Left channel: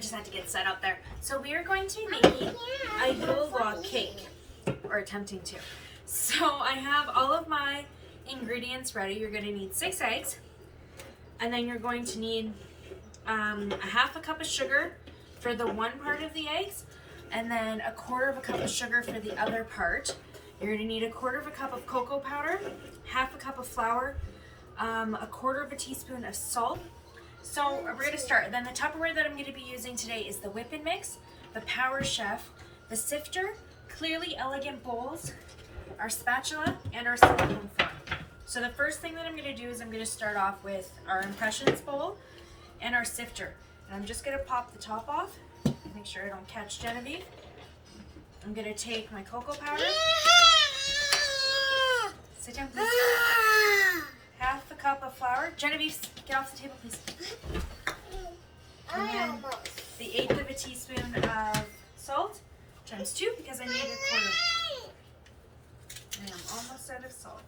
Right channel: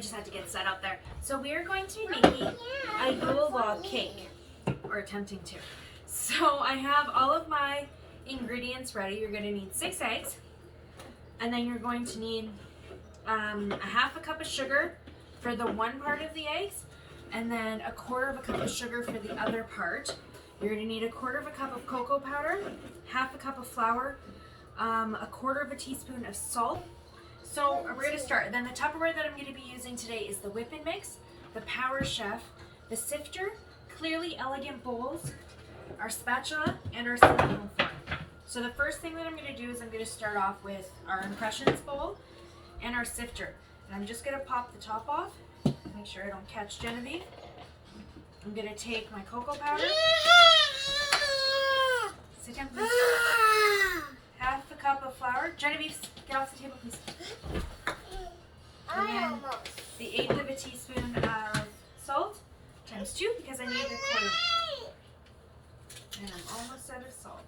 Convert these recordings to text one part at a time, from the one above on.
just had to get set out there. So we are going to be making a Yule Log Cake, or attempting to. So I have all of my ingredients ready. You're going to need 6 eggs, and then you're going to need a half a cup of sugar for the one part of the eggs, and then a quarter of a cup of sugar for the other part. You're going to need a quarter of a cup of cocoa powder, half a cup of flour, a quarter of a teaspoon of salt. So we're going to start. Then the Tupperware that I'm going to be using today is the Whip and Mix, the Power Chef, the sifter, Clearly Elegant bowls, our spatula, and our silicone fork. So the first thing that I'm going to do is I'm going to start off with our impressions bowl and our sifter. And I'm just going to pop the top off, make sure I don't catch Genevieve. I'm going to take my cocoa powder. Sit down, please. Half a cup of flour. Genevieve, get off the table, please. And then the 1/8 of a teaspoon of salt, times 2 because I need a quarter. And I'm almost out of salt.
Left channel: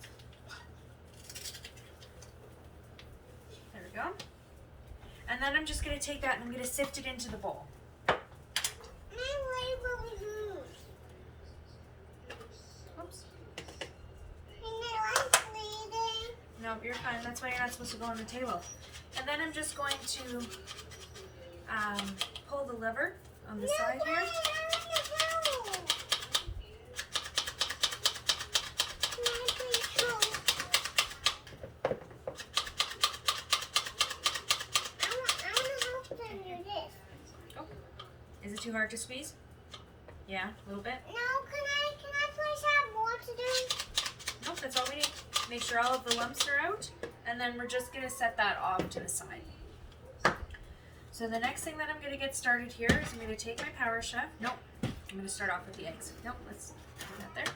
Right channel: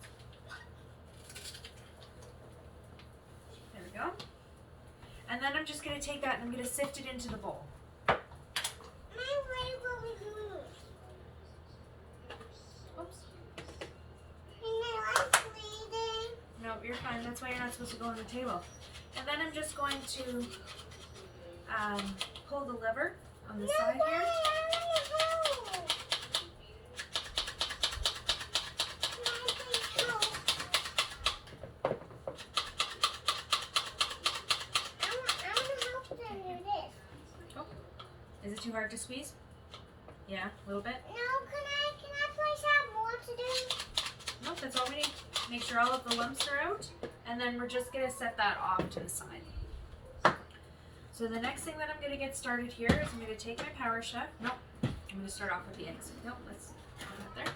There we go. And then I'm just going to take that and I'm going to sift it into the bowl. No, you're fine. That's why you're not supposed to go on the table. And then I'm just going to pull the lever on the side here. Oh, is it too hard to squeeze? Yeah, a little bit. No, can I please have more to do? Nope, that's all we need. Make sure all of the lumps are out, and then we're just going to set that off to the side. So the next thing that I'm going to get started here is I'm going to take my Power Chef. Nope, I'm going to start off with the eggs. Nope, let's put that there.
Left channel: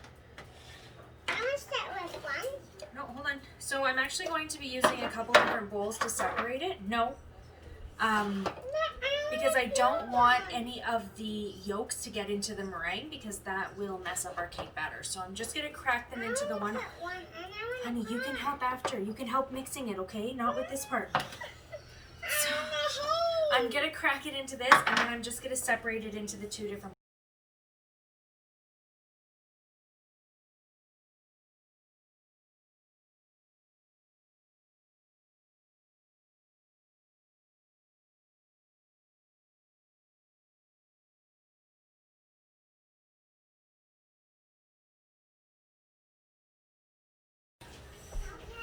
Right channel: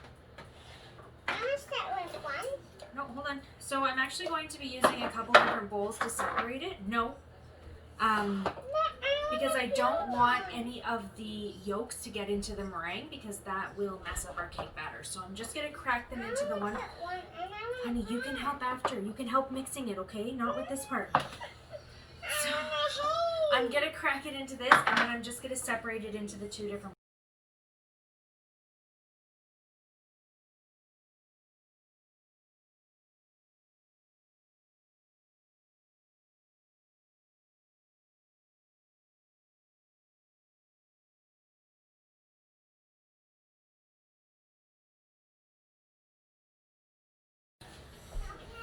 I'm going to start with one. No, hold on. So I'm actually going to be using a couple different bowls to separate it. No, because I don't want any of the yolks to get into the meringue because that will mess up our cake batter. So I'm just going to crack them into the one. Honey, you can help after. You can help mixing it, okay? Not with this part. So I'm going to crack it into this, and then I'm just going to separate it into the 2 different.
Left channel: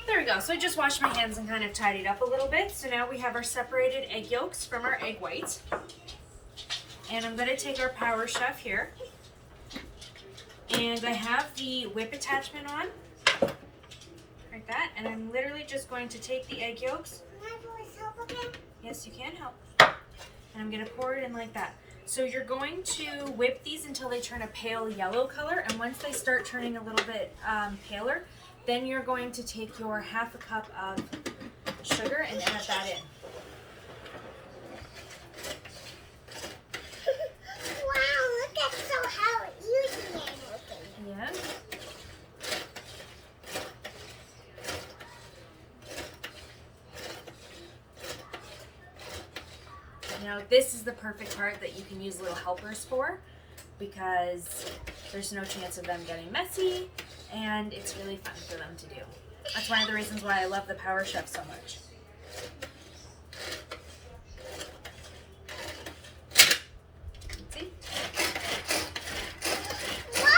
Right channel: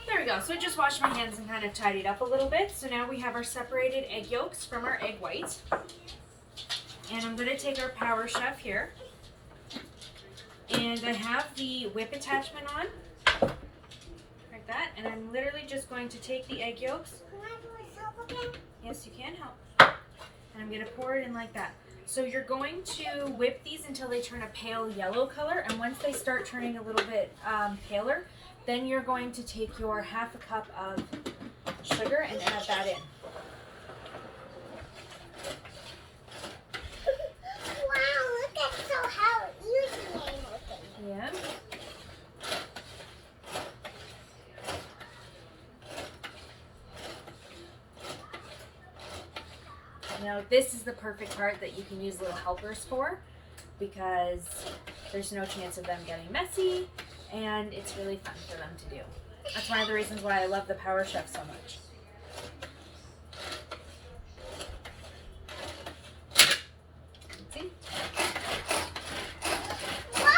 There we go. So I just washed my hands and kind of tidied up a little bit. So now we have our separated egg yolks from our egg whites. And I'm going to take our Power Chef here. And I have the whip attachment on. Like that. And I'm literally just going to take the egg yolks. Can I please help again? Yes, you can help. And I'm going to pour it in like that. So you're going to whip these until they turn a pale yellow color. And once they start turning a little bit paler, then you're going to take your half a cup of sugar and add that in. Wow, look at how easy I'm looking. Yeah. Now this is the perfect part that you can use little helpers for because there's no chance of them getting messy. And it's really fun for them to do. That's one of the reasons why I love the Power Chef so much. See? Wow!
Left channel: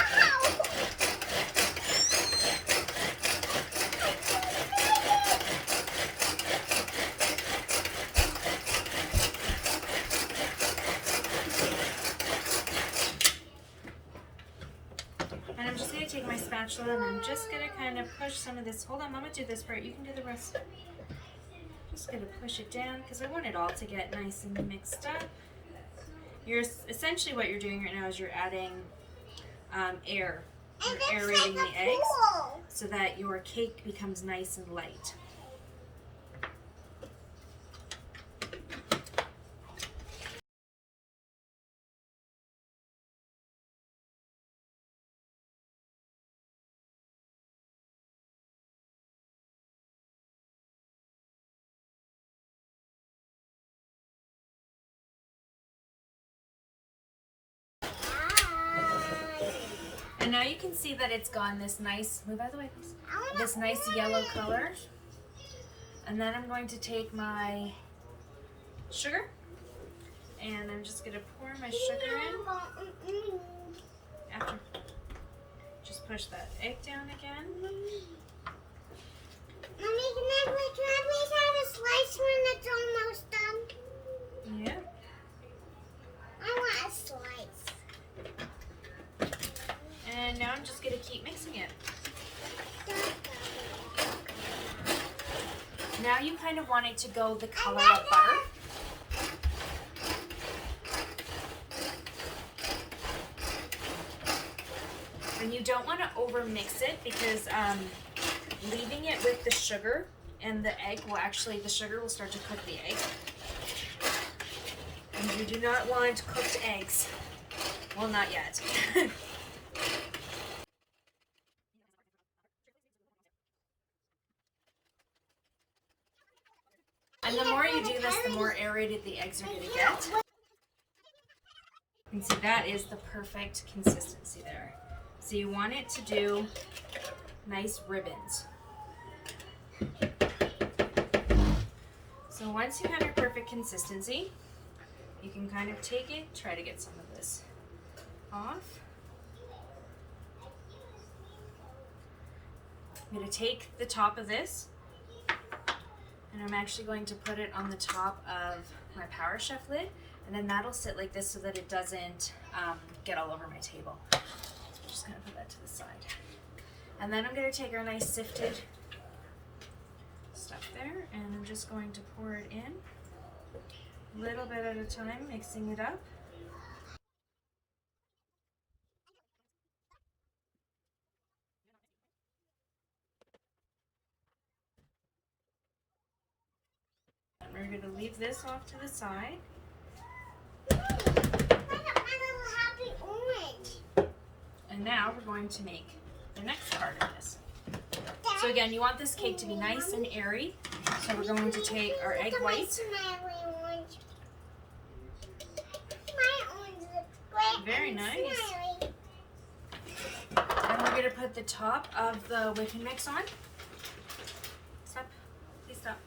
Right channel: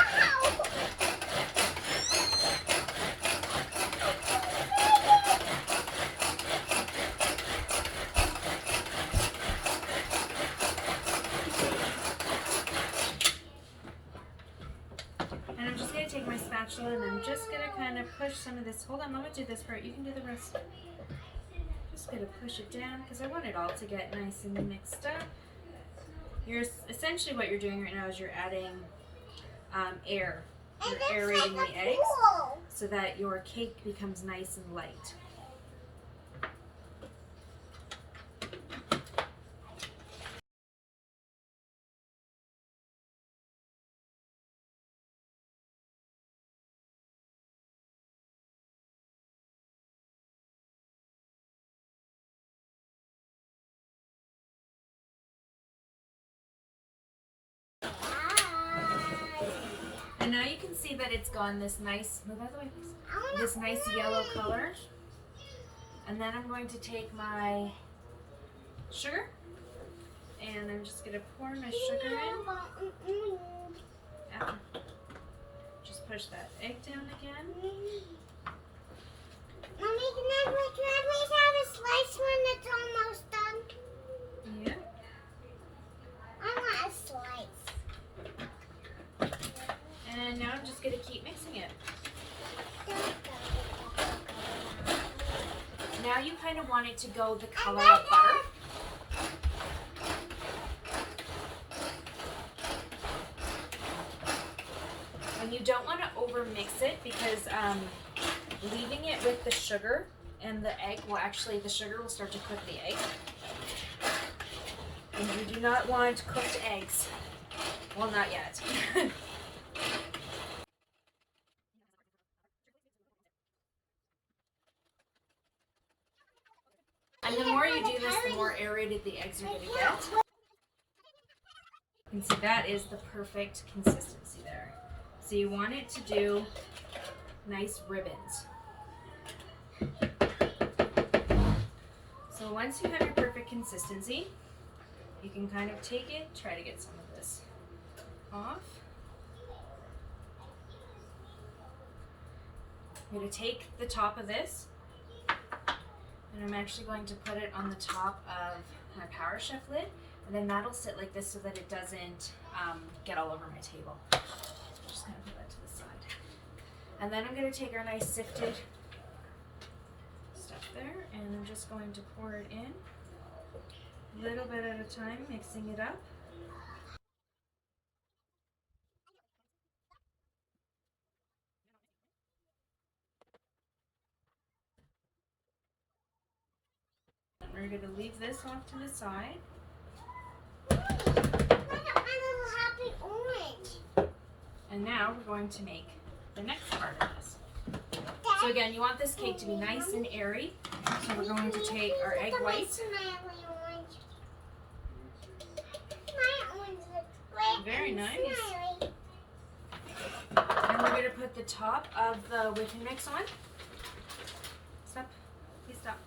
And I'm just going to take my spatula and I'm just going to kind of push some of this. Hold on, Mama, do this part. You can do the rest. Just going to push it down because I want it all to get nice and mixed up. Essentially what you're doing right now is you're adding air. You're aerating the eggs so that your cake becomes nice and light. And now you can see that it's gone this nice, move out of the way please, this nice yellow color. And then I'm going to take my sugar and I'm just going to pour my sugar in. After, just push that egg down again. Mommy, can I please have a slice when it's almost done? Yeah. I want a slice. And now I'm just going to keep mixing it. Now you kind of want it to go the color of butter. And you don't want to over mix it because leaving it with the sugar and the egg will actually, the sugar will start to cook the egg. And you do not want cooked eggs. Well, not yet. And the more you do this, the more aerated the eggs are going to get. And see, that is the perfect consistency there. So you want it to do nice ribbons. So once you have your perfect consistency, you can kind of take it, try to get some of this off. I'm going to take the top of this and I'm actually going to put it on the top of my Power Chef lid, and then that'll sit like this so that it doesn't get all over my table. So I'm just going to put that to the side. And then I'm going to take our nice sifted stuff there and I'm just going to pour it in a little bit at a time, mixing it up. We're going to leave this off to the side. Happy orange. And now we're going to make the next part of this. So again, you want this cake to be nice and airy. So we're going to take our egg whites. Very nice. And we're going to put the top of the whipping mix on. Stop. Please stop.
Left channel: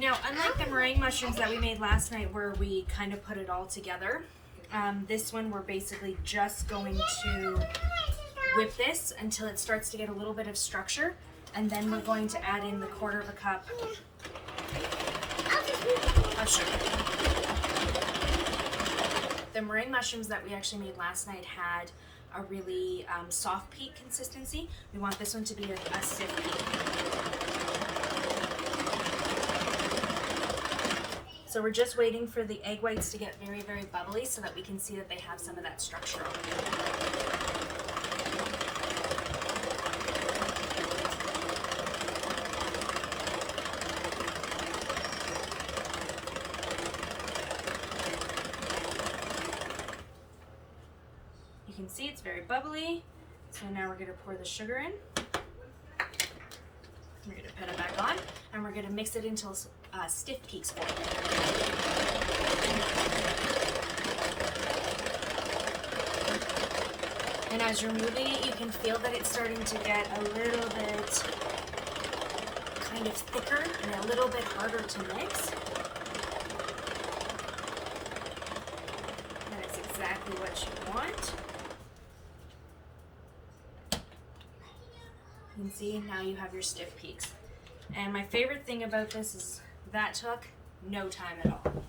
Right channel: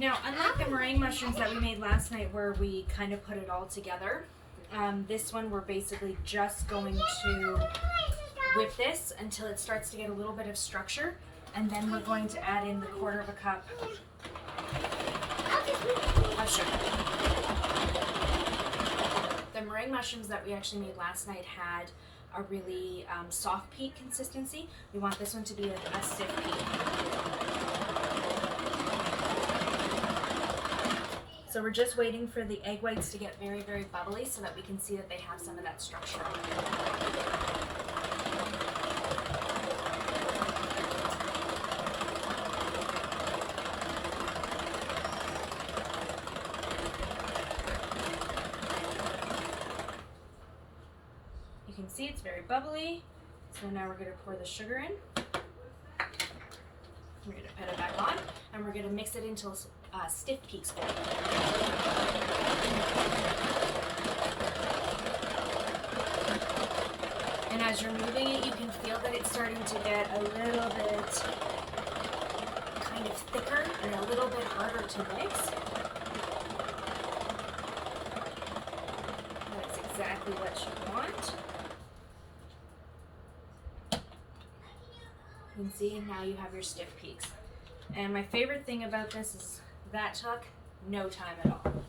Now, unlike the meringue mushrooms that we made last night where we kind of put it all together, this one we're basically just going to whip this until it starts to get a little bit of structure, and then we're going to add in the 1/4 cup of sugar. The meringue mushrooms that we actually made last night had a really soft peak consistency. We want this one to be a stiff peak. So we're just waiting for the egg whites to get very, very bubbly so that we can see that they have some of that structure on them. You can see it's very bubbly. So now we're going to pour the sugar in. We're going to put it back on and we're going to mix it until stiff peaks form. And as you're moving it, you can feel that it's starting to get a little bit kind of thicker and a little bit harder to mix. That is exactly what you want. You can see now you have your stiff peaks. And my favorite thing about this is that took no time at all.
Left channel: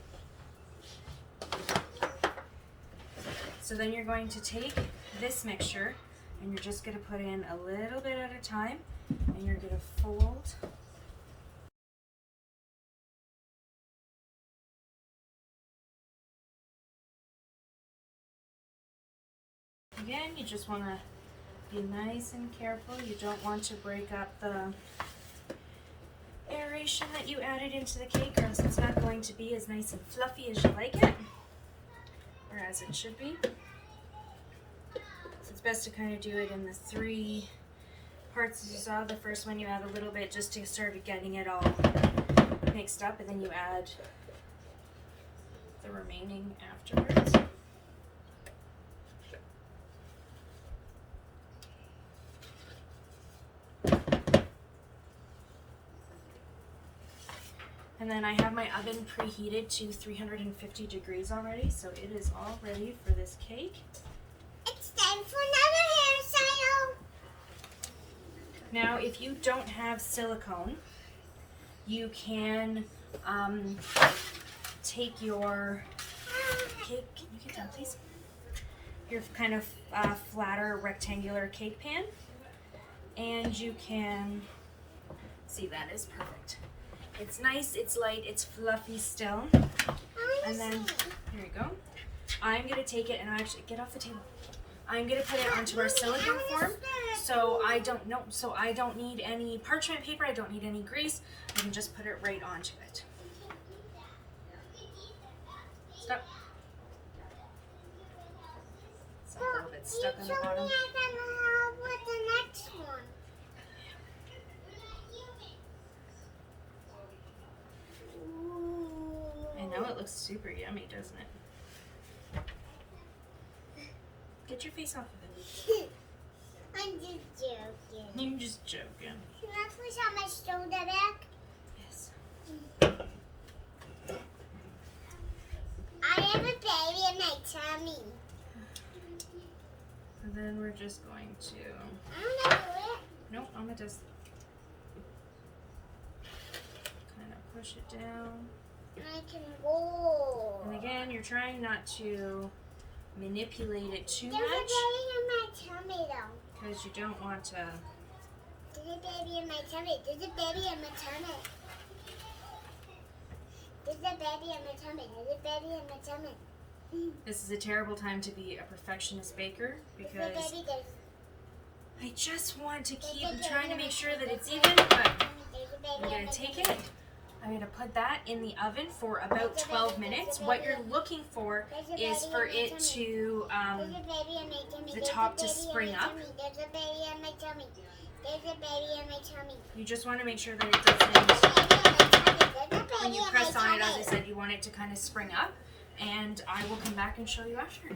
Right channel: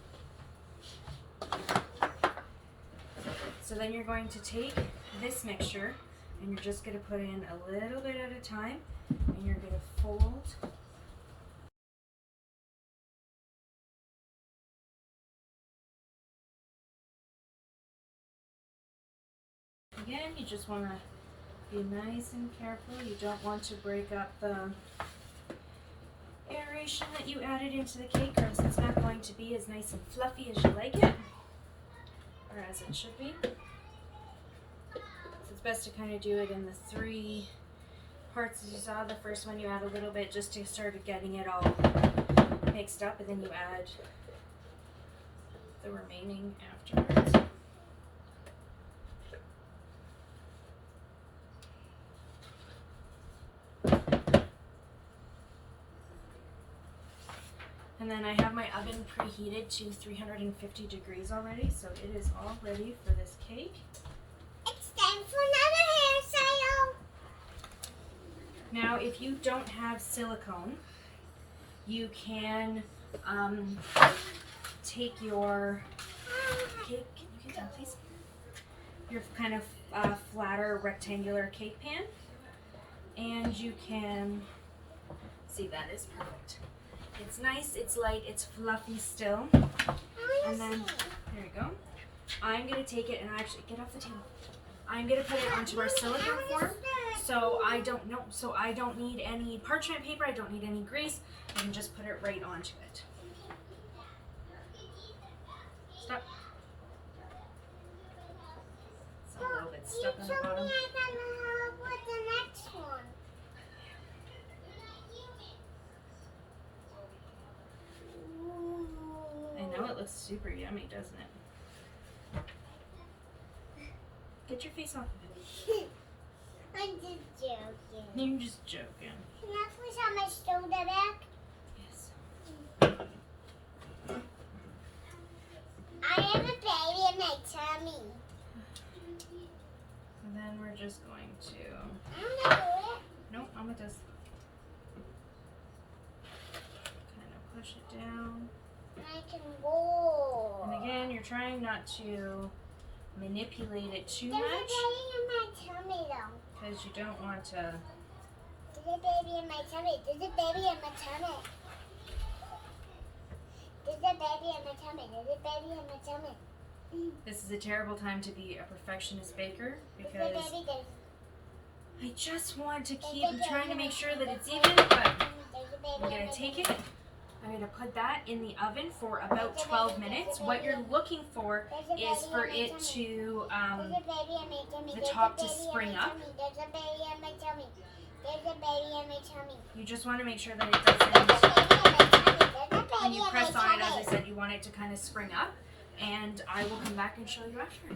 So then you're going to take this mixture and you're just going to put in a little bit at a time and you're going to fold . Again, you just want to be nice and careful. You don't want to break up the aeration that you added into the cake, or else it's not going to be as nice and fluffy as you like it, or as it should be. So it's best to kind of do it in the 3 parts as you saw. The first one you add a little bit just to start getting it all mixed up, and then you add the remaining afterwards. And then I have my oven preheated to 350 degrees already, so it is all ready for this cake. It's time for another hairstyle. Now, if you don't have silicone, you can take your cake, can you get down please? Your kind of flatter rectangular cake pan, and you can, see, that is perfect. It's nice, it's light, it's fluffy still. And then, here you go. I'm gonna take it and actually, get off the table. I'm gonna put it onto our silicone form. So I don't need any parchment paper, I don't need any grease. I can just put it right onto it. Stop. It's a little bit stuck on the bottom. I can help with the next one. I know it looks super yummy, doesn't it? Get your face off of it. I'm just joking. You're just joking. Can I please have my shoulder back? Yes. I have a baby in my tummy. And then we're just going to, I don't know it. nope, Mama does. Kind of push it down. I can roll. And again, you're trying not to manipulate it too There's a much baby in my tummy though. because you don't want to. There's a baby in my tummy. There's a baby in my tummy. There's a baby in my tummy. There's a baby in my tummy. This is a terrible time to be a perfectionist baker There's a because baby. There's I just want to keep a baby trying to in make my sure that tummy. it's even, but There's a baby I'm in going my to take tummy. it. I'm going to put that in the oven for about 12 minutes. What you're looking for is for it to, There's a baby in my tummy. the There's a top to baby in spring my up. tummy. There's a baby in my tummy. There's a baby in my tummy. you just want to make sure that it There's a doesn't, baby in my tummy. There's a when baby you in my press on it, as I tummy. said, you want it to kind of spring up. And I will come back and show you after.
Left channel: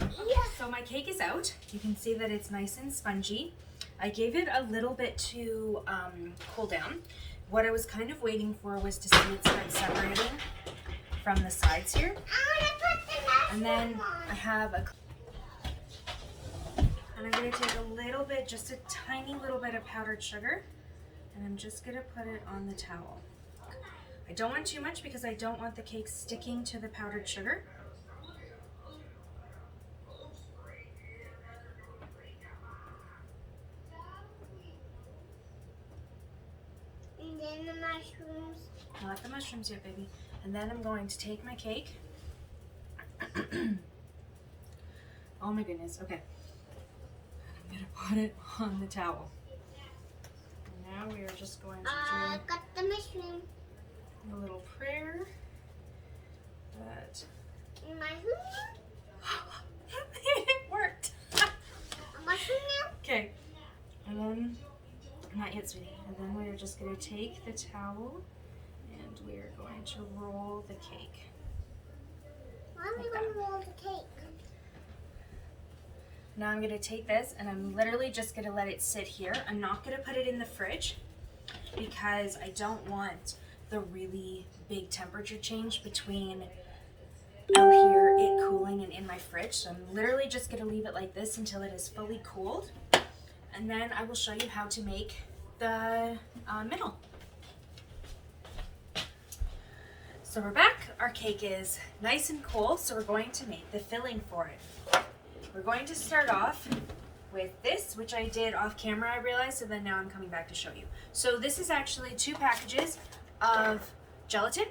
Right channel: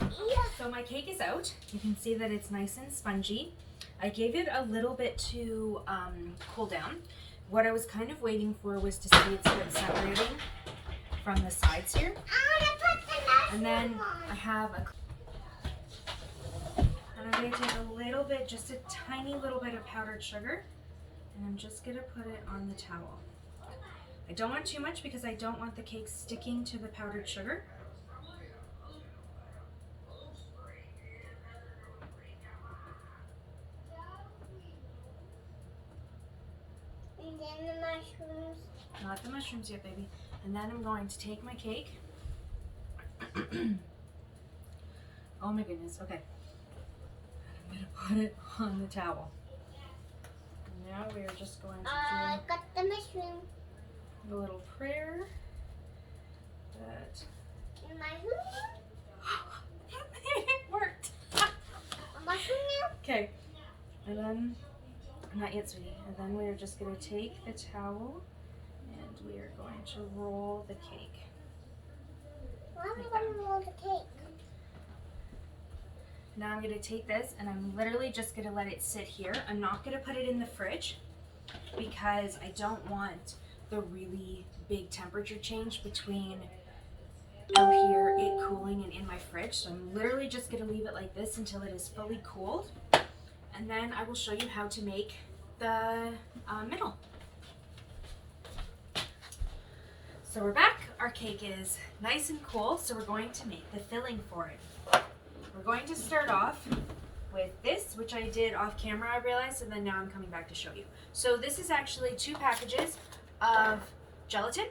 Yeah. So my cake is out. You can see that it's nice and spongy. I gave it a little bit to cool down. What I was kind of waiting for was to see it start separating from the sides here. I want to put the And then mushroom I on. have and I'm going to take a little bit, just a tiny little bit of powdered sugar, and I'm just going to put it on the towel. I don't want too much because I don't want the cake sticking to the powdered sugar. And then the mushrooms. Not the mushrooms yet, baby. And then I'm going to take my cake. Oh my goodness, okay. I'm gonna put it on the towel. Now we are just going to I got the mushroom. do a little prayer that Mushroom? it worked. A mushroom now? Okay, and then, not yet, sweetie. And then we are just gonna take the towel and we are going to roll the cake. Why are we going to roll the cake? Now I'm gonna take this and I'm literally just gonna let it sit here. I'm not gonna put it in the fridge because I don't want the really big temperature change between out here, it cooling, and in my fridge. So I'm literally just gonna leave it like this until it is fully cooled. And then I will show you how to make the middle. So we're back. Our cake is nice and cool, so we're going to make the filling for it. We're going to start off with this, which I did off camera, I realized, and then now I'm coming back to show you. So this is actually 2 packages of gelatin.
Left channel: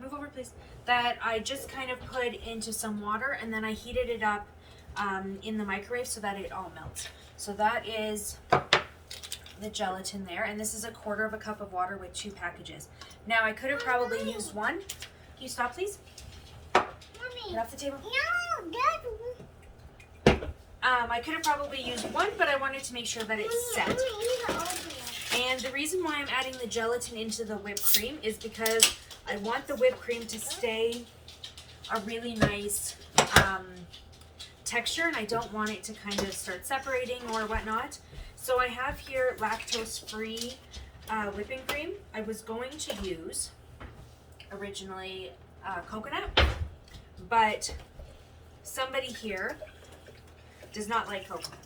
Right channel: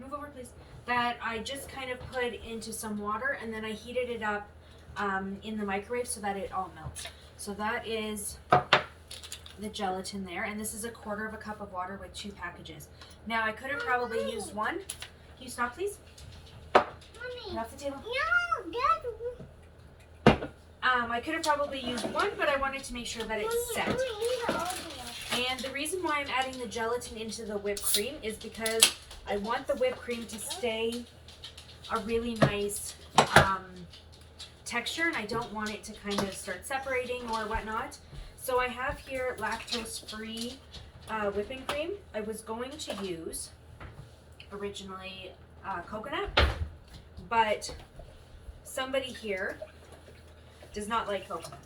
Move over, please. That I just kind of put into some water, and then I heated it up in the microwave so that it all melts. So that is the gelatin there, and this is 1/4 cup of water with 2 packages. Now I could have probably used one. Can you stop, please? Mommy. Get off the table. No, Dad. I could have probably used one, but I wanted to make sure that it's set. And the reason why I'm adding the gelatin into the whipped cream is because I want the whipped cream to stay a really nice texture, and I don't want it to kind of start separating or whatnot. So I have here lactose-free whipping cream. I was going to use originally coconut, but somebody here does not like coconut.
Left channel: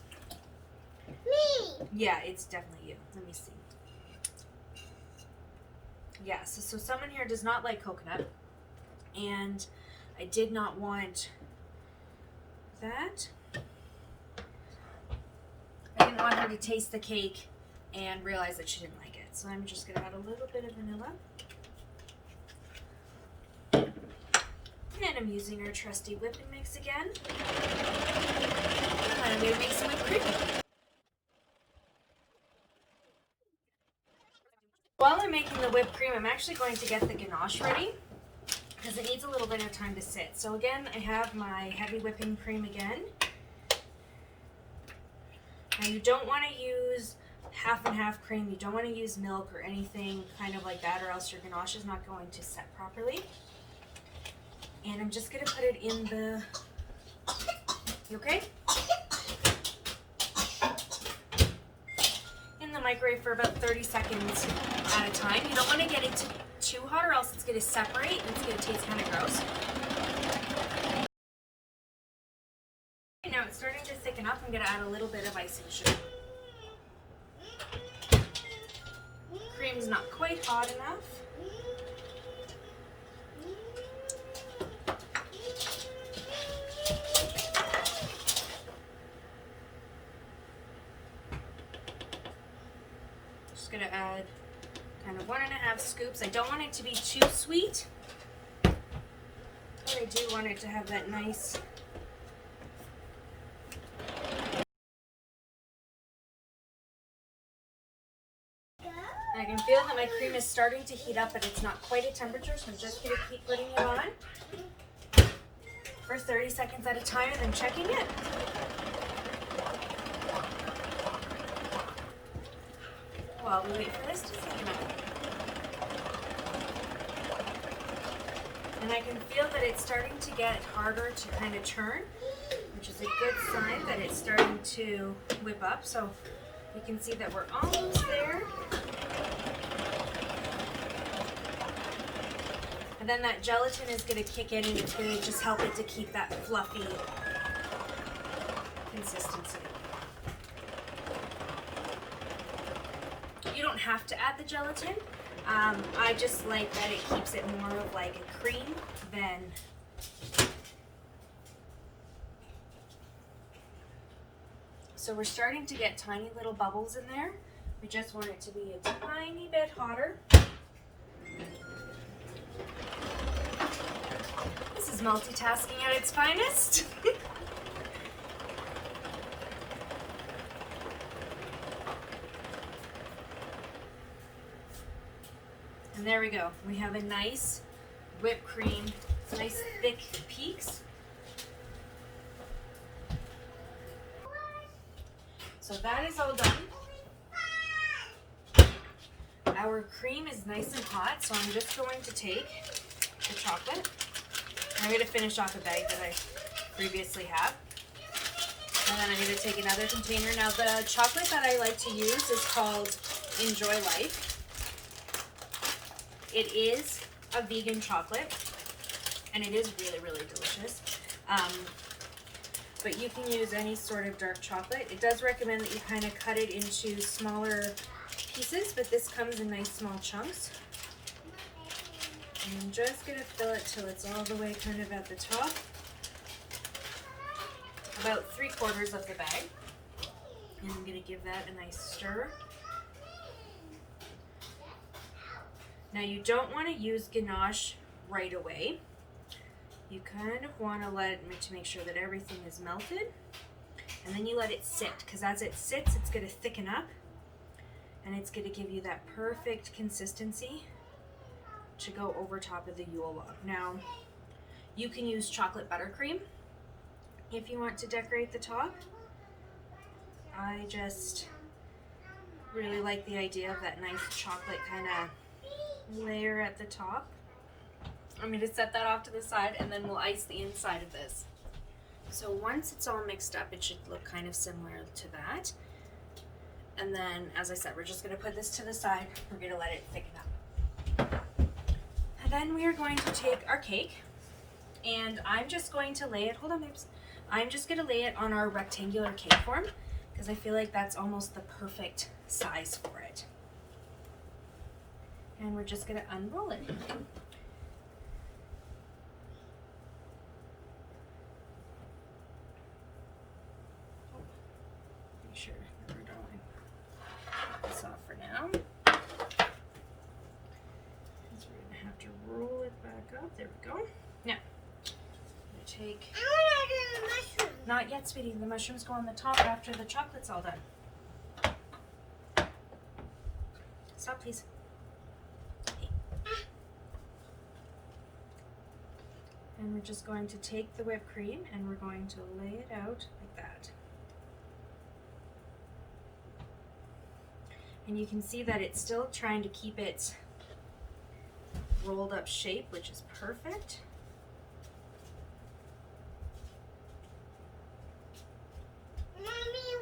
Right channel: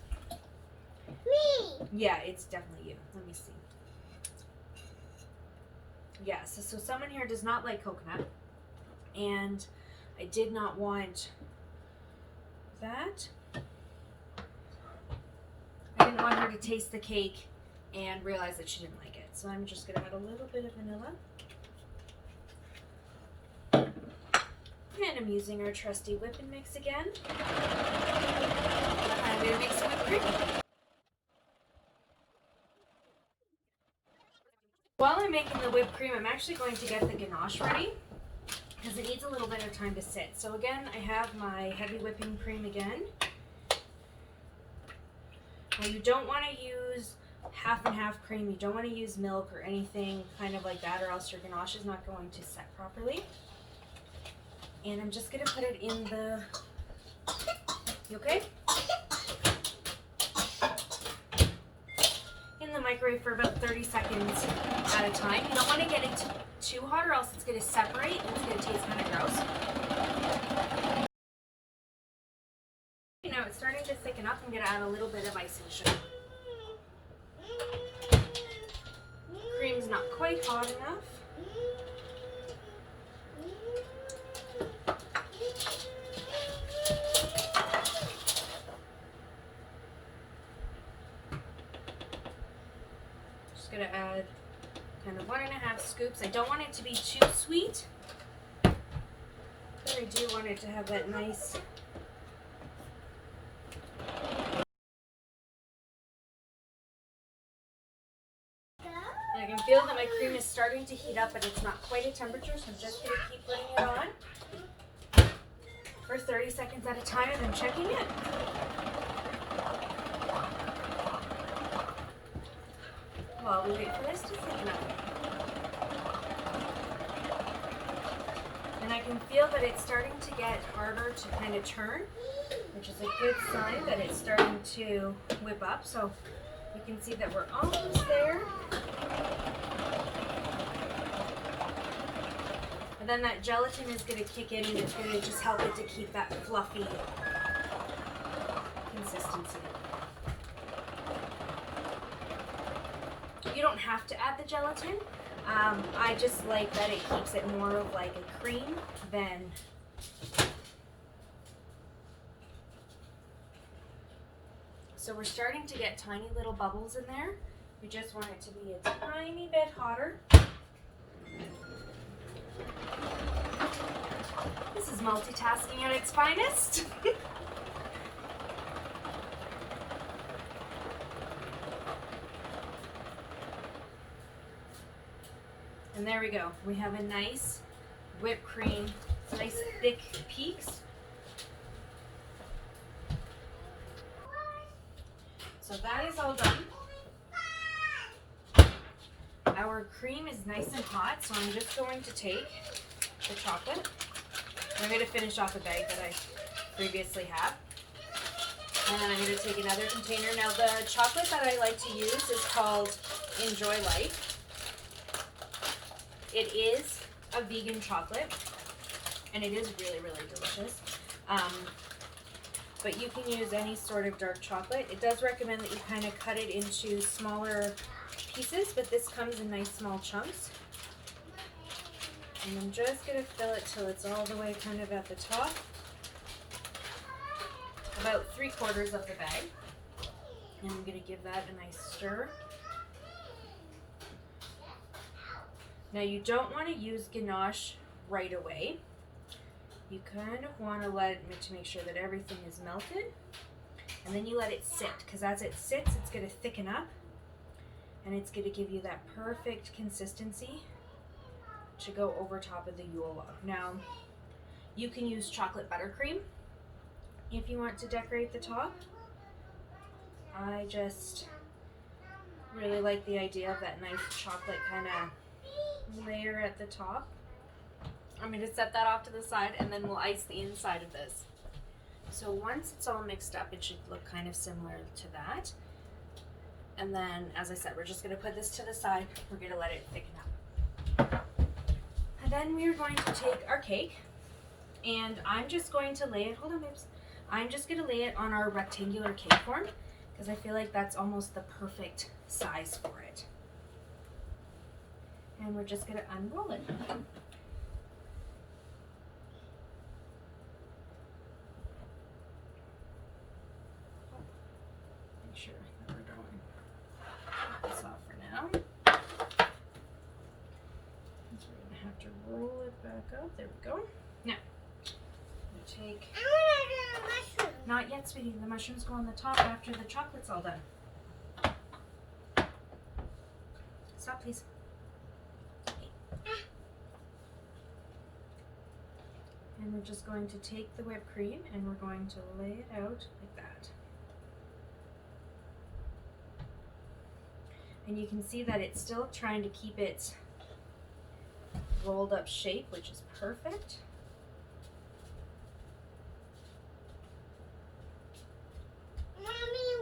Me. Yeah, it's definitely you. Let me see. Yeah, so someone here does not like coconut, and I did not want that. I didn't want her to taste the cake and realize that she didn't like it. So I'm just going to add a little bit of vanilla. And I'm using our trusty whipping mix again. And I'm going to make some whipped cream. While I'm making the whipped cream, I'm actually going to get the ganache ready because it needs a little bit of time to sit. So again, I have my heavy whipping cream again. Now you don't want to use half and half cream. You don't want to use milk or anything kind of like that, or else your ganache is not going to set properly. And I'm just going to put it in the... You okay? In the microwave for about 30 seconds at a time. You don't want to get it too hot or else it's going to separate and it's going to taste kind of gross. Now it's starting to thicken up. I'm going to add a little bit of icing sugar. Cream's not quite hot enough. Just going to add kind of 1.5 scoops. I don't want it to be too sweet, but I do want it to have that nice I can feel that my cream is starting to heat up, but it's not quite at temperature, so I'm just going to keep putting it on for 30 seconds at a time and then checking it. While we wait for this to thicken up. And I can feel that it's starting to get harder to kind of turn, which is a good sign that it's starting to whip up. So you can see that we're almost there. And then that gelatin is going to kick in and it's going to just help it to keep that fluffy consistency. You don't have to add the gelatin. I just like that it keeps it more of like a cream than so we're starting to get tiny little bubbles in there. We just want it to be a tiny bit hotter. This is multitasking at its finest. And there we go. We have a nice whipped cream, nice thick peaks. So that is all done. Our cream is nice and hot, so I'm just going to take the chocolate. I'm going to finish off a bag that I previously have. And then I'm going to take another container. Now the chocolate that I like to use is called Enjoy Life. It is a vegan chocolate, and it is really, really delicious. But you can use any sort of dark chocolate. It does recommend that you kind of cut it into smaller pieces, but this comes in nice small chunks. And I'm just going to fill it till it's all the way kind of at the top. About 3/4 of the bag. And I'm going to give that a nice stir. Now you don't want to use ganache right away. You kind of want to let it to make sure that everything is melted. And then you let it sit, because as it sits, it's going to thicken up. And it's going to give you that perfect consistency to go over top of the Yule log. Now, you can use chocolate buttercream if you want to decorate the top. I just really like the idea of that nice chocolate kind of layer at the top. I'm going to set that off to the side and then we'll ice the inside of this. So once it's all mixed up, it should look kind of similar to that. And then, as I said, we're just gonna put this to the side. We're gonna let it thicken up. And then we are going to take our cake, and I'm just going to lay it, hold on babes. I'm just gonna lay it on our rectangular cake form because I feel like that's almost the perfect size for it. And we're just gonna unroll it. Make sure that we're going. Put this off for now. Because we're gonna have to roll it back up. There we go. Now, I'm gonna take. I want to do the mushroom. Not yet, sweetie. The mushrooms go on the top after the chocolate's all done. Stop, please. And we're just going to take the whipped cream and we're going to lay it out like that. And you can see that it's still trying to keep its rolled up shape, which is perfect. Mommy,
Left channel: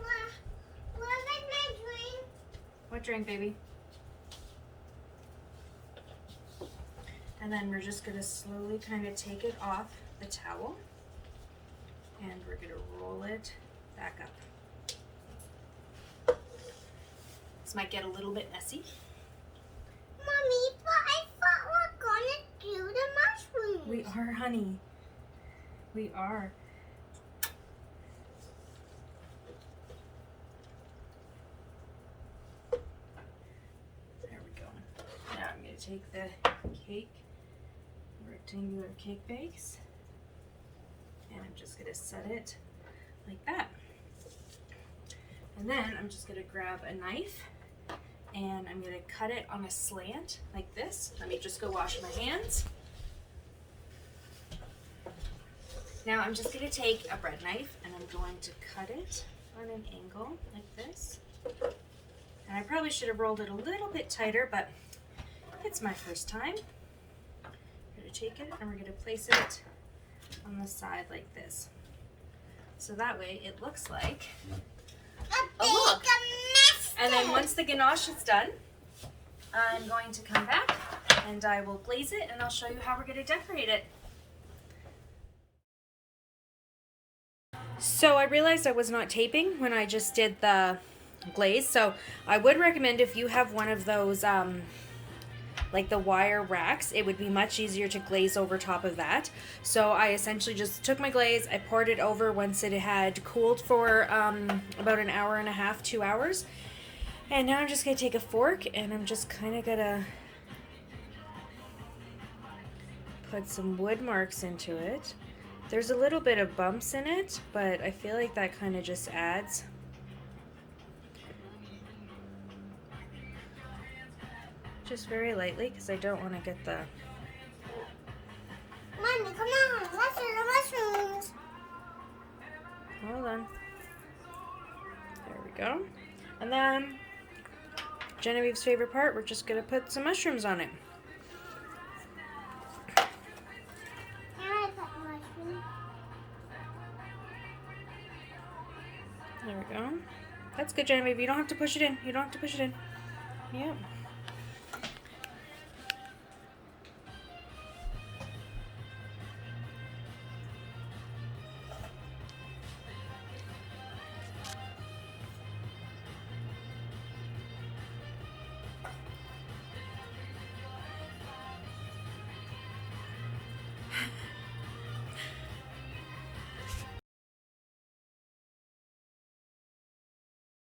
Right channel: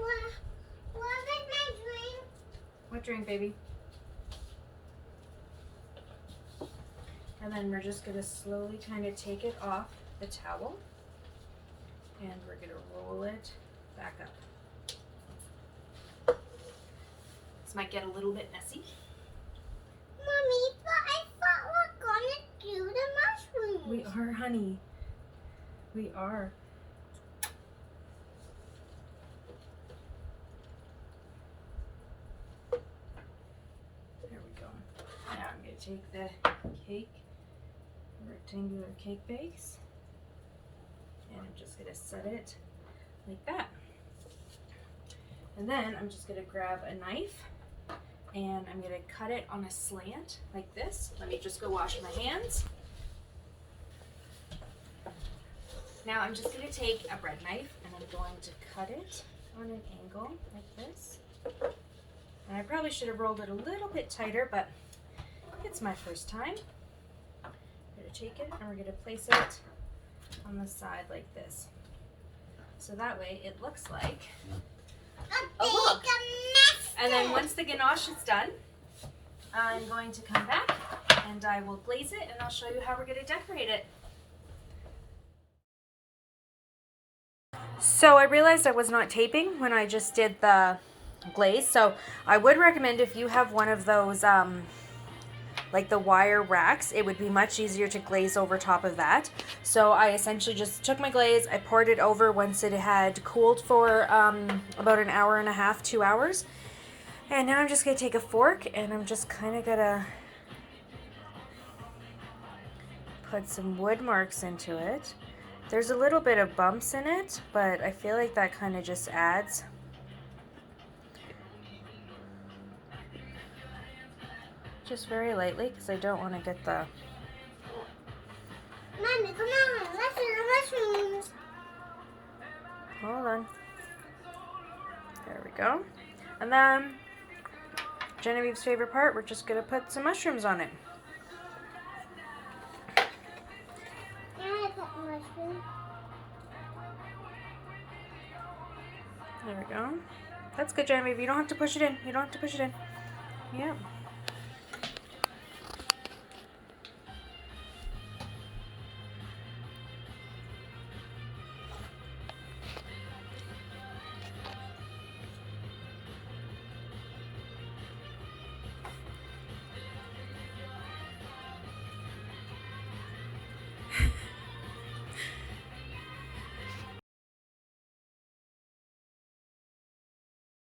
what is my drink? What drink, baby? And then we're just gonna slowly kind of take it off the towel and we're gonna roll it back up. This might get a little bit messy. Mommy, but I thought we're gonna do the mushrooms. We are, honey. We are. There we go. Now I'm gonna take the cake, rectangular cake base, and I'm just gonna set it like that. And then I'm just gonna grab a knife and I'm gonna cut it on a slant like this. Let me just go wash my hands. Now I'm just gonna take a bread knife and I'm going to cut it on an angle like this. And I probably should have rolled it a little bit tighter, but it's my first time. We're gonna take it and we're gonna place it on the side like this. So that way it looks like a log. And then once the ganache is done, I'm going to come back and I will glaze it and I'll show you how we're gonna decorate it. So I realized I was not taping when I just did the glaze. So I would recommend if you have one of those like the wire racks, it would be much easier to glaze over top of that. So I essentially just took my glaze, I poured it over once it had cooled for about an hour and a half, 2 hours. And now I'm just gonna take a fork and I'm just kind of gonna put some wood marks into it. There's a little bit of bumps in it, but I feel like that kind of just adds. Just very lightly, because I don't want to get the... Mommy, come on, let's do the mushrooms. Hold on. There we go. And then, Genevieve's favorite part, we're just going to put some mushrooms on it. There we go. That's good, Genevieve. You don't have to push it in. You don't have to push it in. Yep.